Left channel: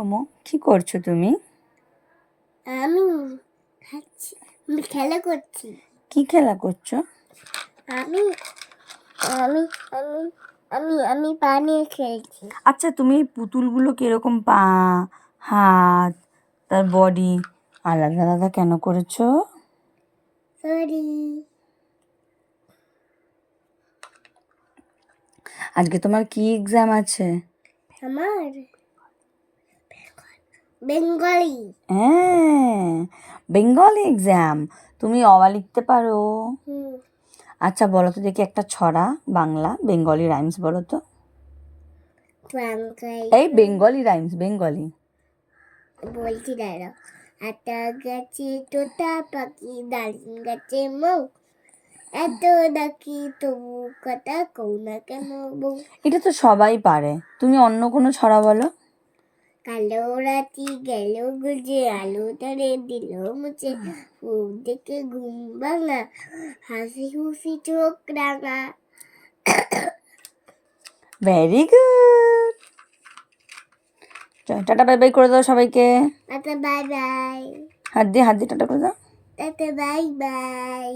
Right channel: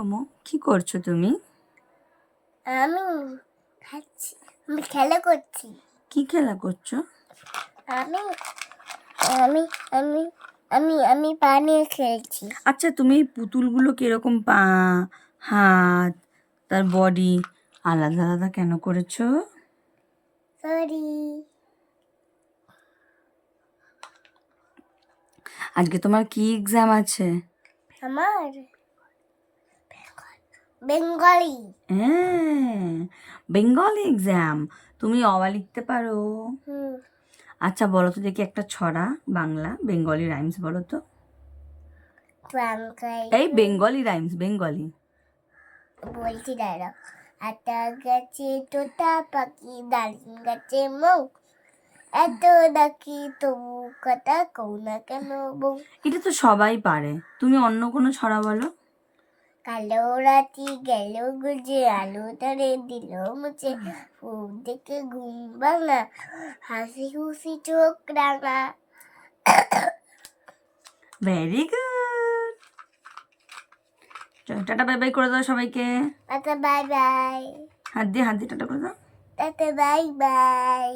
ওমো কি করছো তুমি? আমি খাচ্ছি, আমি খেলা করছি। কি খেলা করছো? আমি আমি আমি আমি আমি পা নিয়ে খেলছি। আচ্ছা, তুমি এই পুতুলগুলো কিরকম পা, হাত, তার বডি আলাদা আলাদা কেন করেছো? সরি। আজকে তোমার কি এক্সাম আছে? আমার বেঙ্গলি। হ্যাঁ, বেঙ্গলি এক্সাম। তুমি অ লিখতে পারো? হুম, আচ্ছা বলো তো দেখি একটা ছড়া বাংলা বেঙ্গলি রাইমস বলো তো। ট্রাঙ্কাই এই বেঙ্গলি রাইমস, বেঙ্গলি। বলছি দাঁড়াও। আটা গাছে তোতা পাখি, ডালিম গাছে মৌ, এত ডাকি তবু কথা কও না কেন বউ। এটা তো সবাই পারে, তুমি অন্য কোনো ছড়া বলো। কালো রাতি গেল গুজে, আলো তারে দিল মুছে, ফুল দেখে ঘুম ভাঙা, হাসি খুশি চোখ রাঙা। Very good. Tata bye bye করে দাও সবাইকে। Tata bye bye. হাত দিয়ে টাটা করে দাও। Tata bye bye.